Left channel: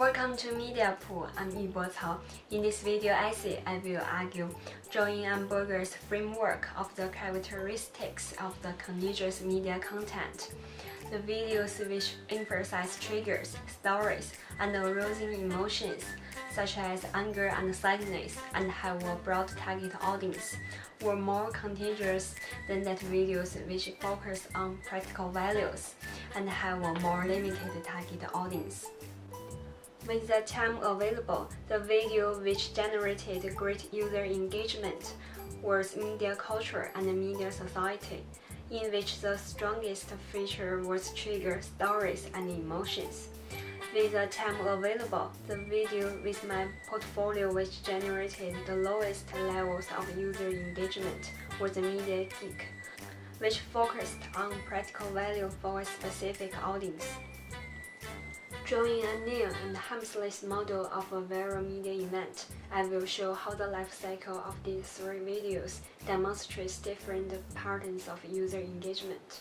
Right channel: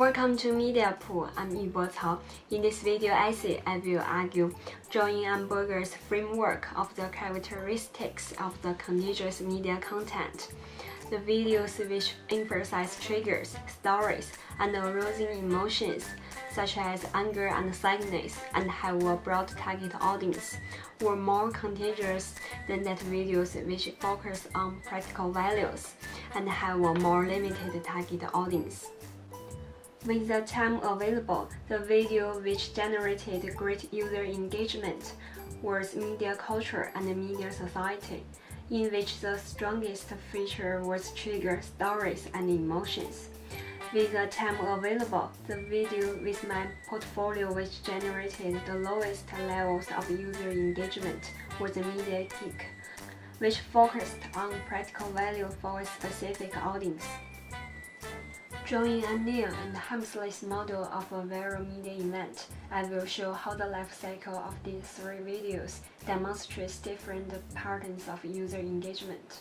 Welcome to Media Pool. I'm Yibo Cao. In this video essay, I will argue John Amberger's framework of the characteristics of the contiguous media content. The videos which emphasize triggers, stories, and arousing emotions, such as anger and sadness, and have a broad target audience, were more contagious than that videos which focus on practical values and have a more limited target audience. With the time available, the video which generated great user engagement was Media Culture and Media Society, in which the strongest feature was trigger, stories, and emotions. With the time available, the video with my portfolio which generated the lowest levels of user engagement was the Media Geek, which focused on practical value for a specific audience. Drawing a new and harmless model of a viral media event, I will show how the life cycle of these three videos demonstrates different patterns of user engagement.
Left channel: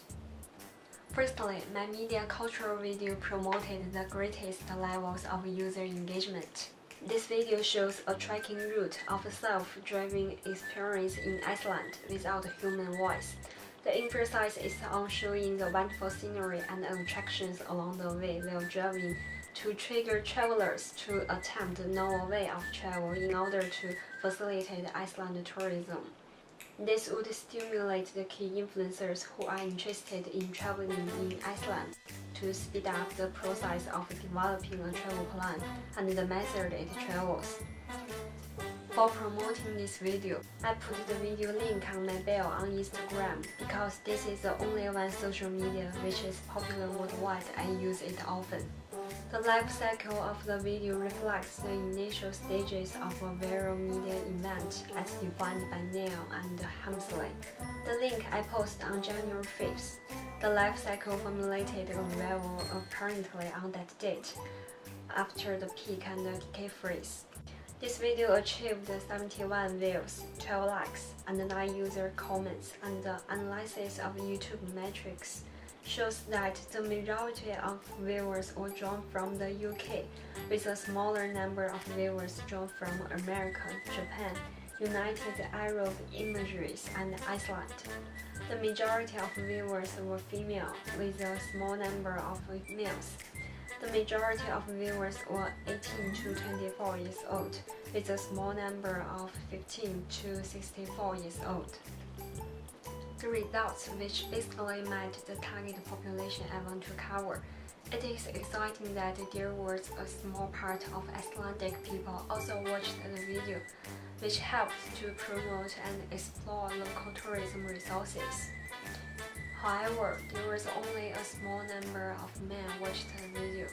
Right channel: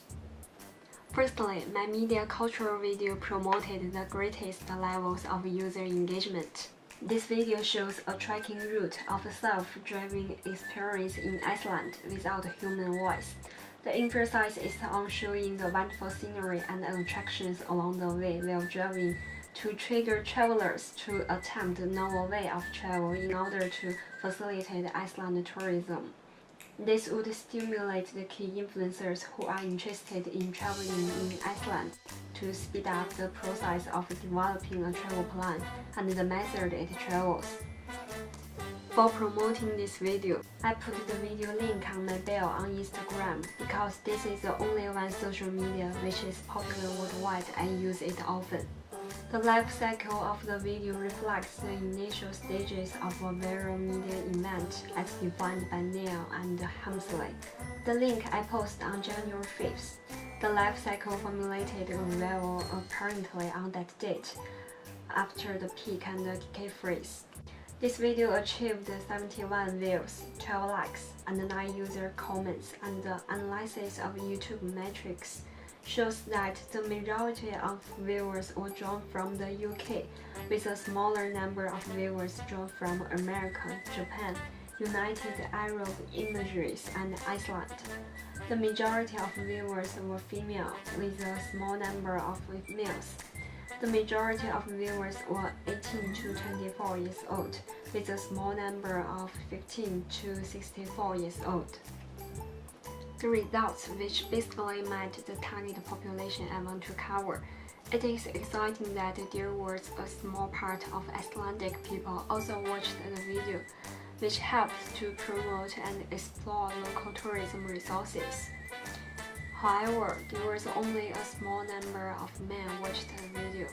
Firstly, my media cultural video promoted the greatest levels of user engagement. This video shows a trekking route of a self-driving experience in Iceland without human voice. The emphasis is on showing the wonderful scenery and attractions along the way while driving to trigger travelers to attempt a novel way of travel in order to facilitate Iceland tourism. This would stimulate the key influencers who are interested in traveling in Iceland to speed up the process of developing a travel plan and the method it travels. For promoting this video, I put the video link on my bio on Instagram because this is the only one social media which is popular worldwide and use it often. The life cycle of the video reflects the initial stages of a viral media event as defined by Neil and Hamsley. The link I post on January 5th. The life cycle formulated a viral apparently on that date, after the peak and the decay freeze. This video achieved 71 views, 12 likes, and 9 user comments, and the analysis of YouTube metrics shows that the majority of viewers were drawn from the UK, with a smaller number of viewers drawn from America, Japan, United Arab Emirates, and Iceland. The majority of viewers were female, with a small number of males. The majority of viewers were 18 to 24 years old, with a small number of 15 to 64 years old. The results, which basically met the target population I want to cover. It is exciting that there was a small part of Icelandic people also watched the video, which helped to promote and explore local tourism resources. However, there was only a small number of men watched the video.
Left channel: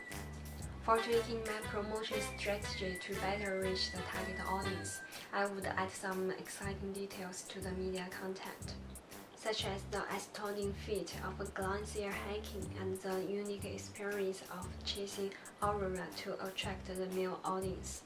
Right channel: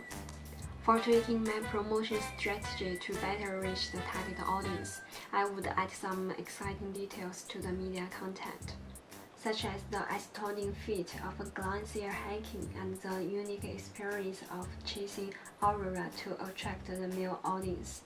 For tweaking my promotion strategy to better reach the target audience, I would add some exciting details to the media content, such as the astounding feat of glacier hiking and the unique experience of chasing aurora to attract the male audience.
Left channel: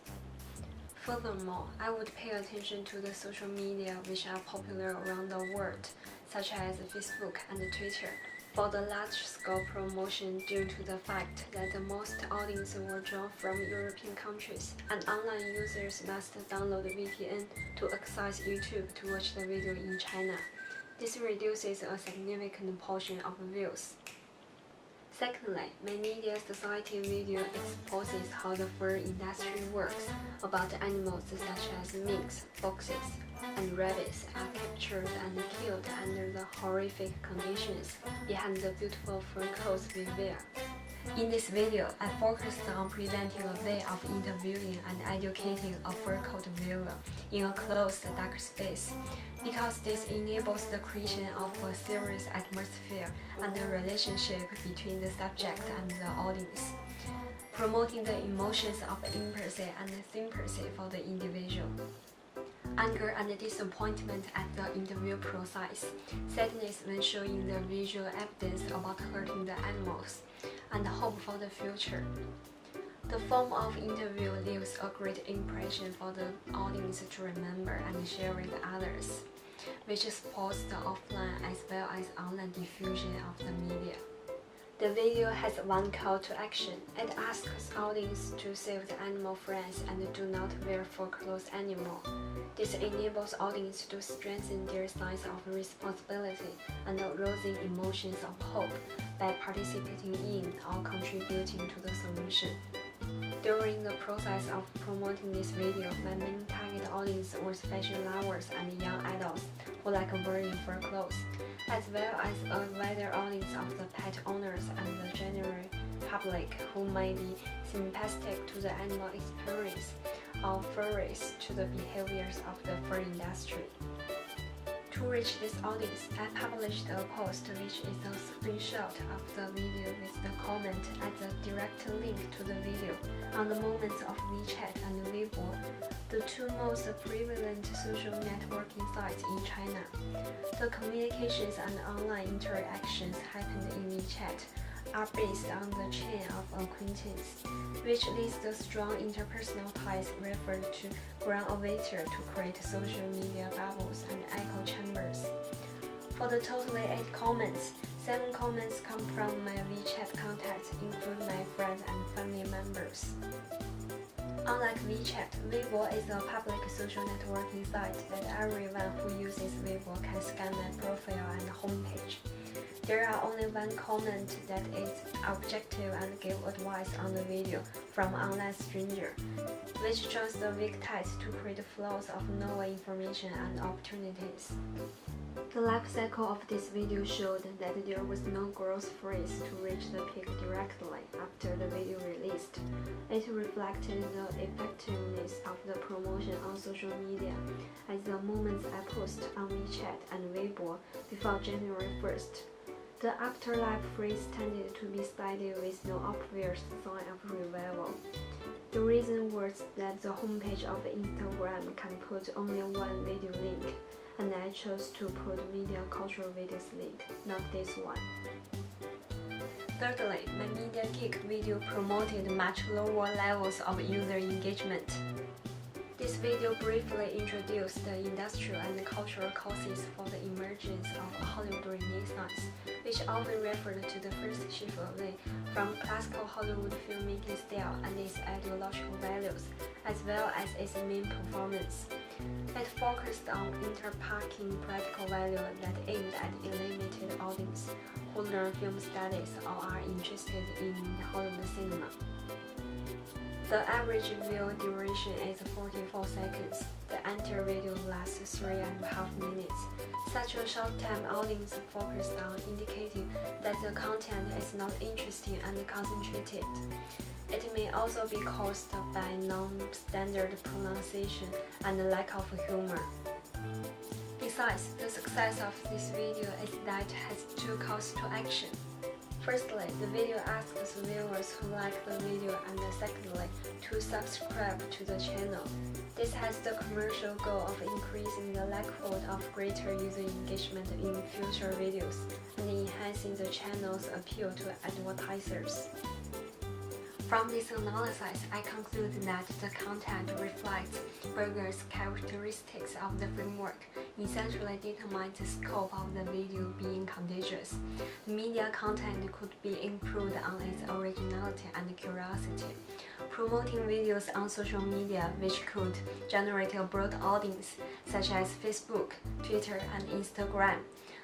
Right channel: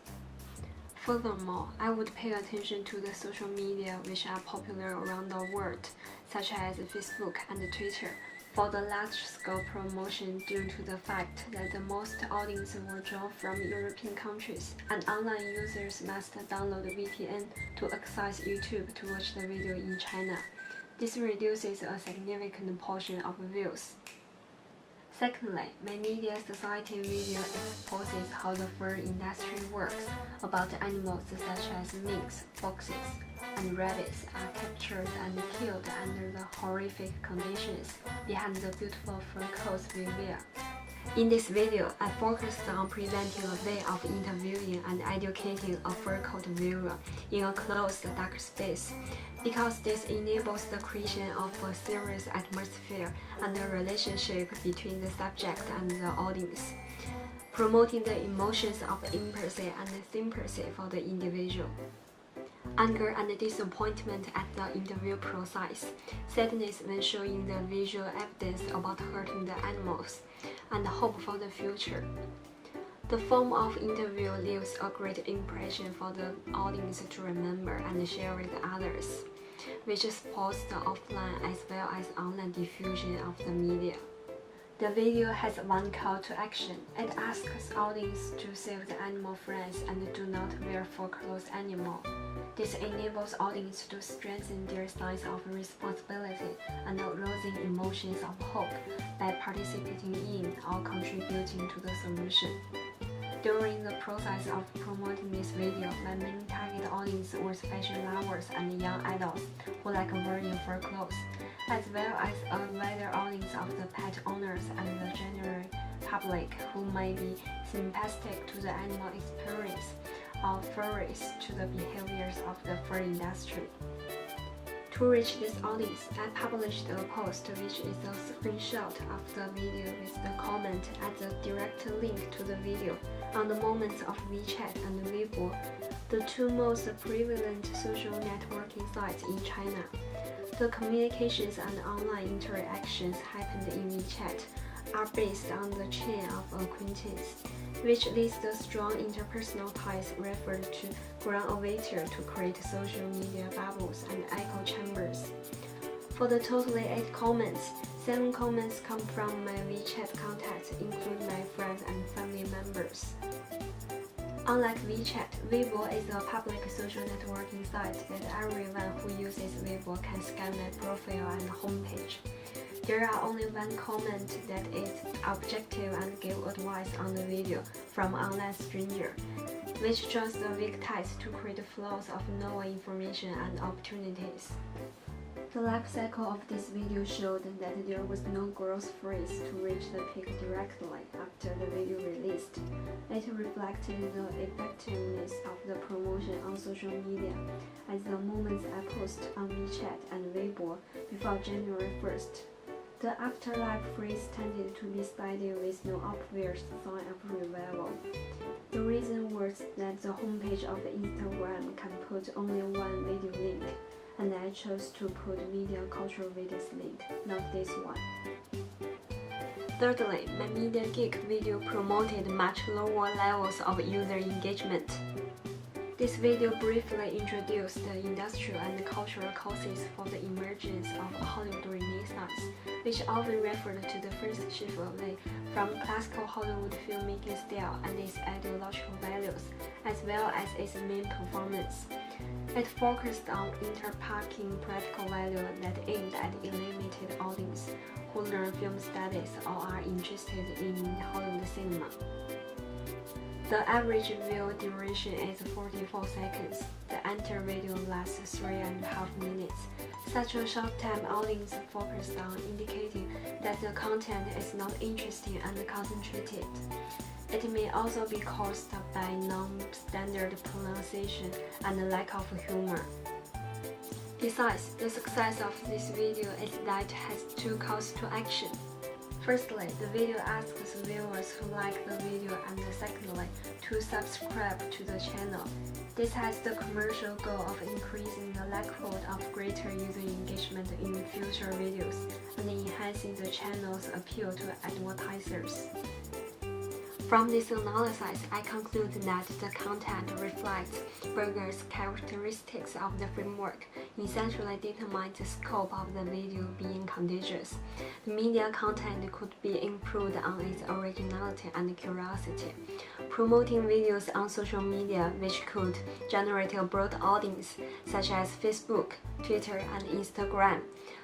Furthermore, I would pay attention to the social media which are popular around the world, such as Facebook and Twitter, for the large-scale promotion due to the fact that the most audience were drawn from European countries, and online users must download VPN to access YouTube to watch the video in China. This reduces a significant portion of views. Secondly, my Media Society video exposes how the fur industry works, about animals such as minks, foxes, and rabbits are captured and killed under the horrific conditions behind the beautiful fur coats we wear. In this video, I focused on presenting a way of interviewing and educating a fur coat viewer in a closed dark space, because this enables the creation of a serious atmosphere and a relationship between the subject and the audience, promoting the emotions of empathy and sympathy for the individual. Anger and disappointment at the interview process, sadness when showing the visual evidence about hurting the animals, and hope for the future. The form of interview leaves a great impression for the audience to remember and share with others, which supports the offline as well as online diffusion of the media. The video has one call to action. It asks audience to save the animal friends and do not wear fur clothes anymore. This enables audience to strengthen their sense of responsibility and arousing emotions of hope by participating in or contributing to the solution. During the process of promoting this video, my main target audience was fashion lovers and young adults who like wearing fur clothes, as well as a wider audience of the pet owners and the general public who may be sympathetic to the animal experience or furries to the behaviors of the fur industry. To reach this audience, I published a post which is a screenshot of the video with the comment as a direct link to the video on the moments of WeChat and Weibo, the two most prevalent social networking sites in China. The communications and online interactions happened in WeChat are based on the chain of acquaintance, which leads to strong interpersonal ties referred to ground-avatar to create social media bubbles and echo chambers. For the totally 8 comments, 7 comments come from my WeChat contacts, including my friends and family members. Unlike WeChat, Weibo is a public social networking site that everyone who uses Weibo can scan my profile and homepage. There are only 1 comment that is objective and give advice on the video from online stranger, which joins the weak ties to create flows of novel information and opportunities. The life cycle of this video showed that there was no growth phase to reach the peak directly after the video released. It reflected the effectiveness of the promotion on social media as the moments I post on WeChat and Weibo before January 1st. The afterlife phrase tended to be steady with no obvious sign of revival. The reason was that the homepage of Instagram can put only 1 video link, and I chose to put media cultural videos link, not this one. Thirdly, my Media Geek video promoted much lower levels of user engagement. This video briefly introduced the industrial and cultural causes for the emergence of Hollywood Renaissance, which often referred to the first shift away from classical Hollywood filmmaking style and its ideological values, as well as its main performance. It focused on interpacking practical value that aimed at a limited audience who learn film studies or are interested in Hollywood cinema. The average view duration is 44 seconds. The entire video lasts 3.5 minutes. Such a short-time audience focused on indicating that the content is not interesting and concentrated. It may also be caused by non-standard pronunciation and lack of humor. Besides, the success of this video is that it has 2 calls to action. Firstly, the video asks viewers who like the video, and secondly, to subscribe to the channel. This has the commercial goal of increasing the likelihood of greater user engagement in future videos and enhancing the channel's appeal to advertisers. From this analysis, I conclude that the content reflects Berger's characteristics of the framework, essentially determines the scope of the video being contagious. The media content could be improved on its originality and curiosity, promoting videos on social media which could generate a broad audience, such as Facebook, Twitter, and Instagram,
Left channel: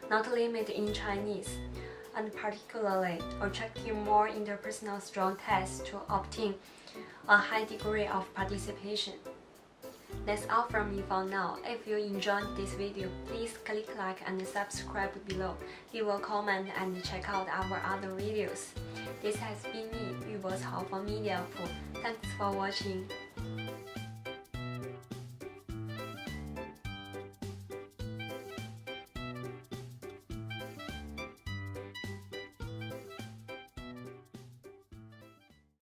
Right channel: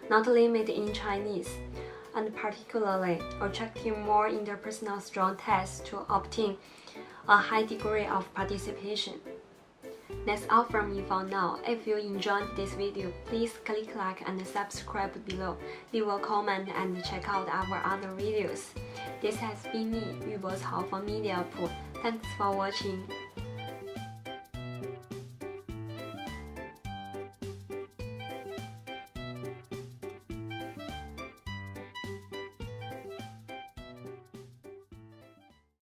not limited in Chinese, and particularly attracting more interpersonal strong ties to obtain a high degree of participation. That's all from me for now. If you enjoyed this video, please click like and subscribe below, leave a comment and check out our other videos. This has been me, Yu Bo Cao from Media Pool. Thanks for watching.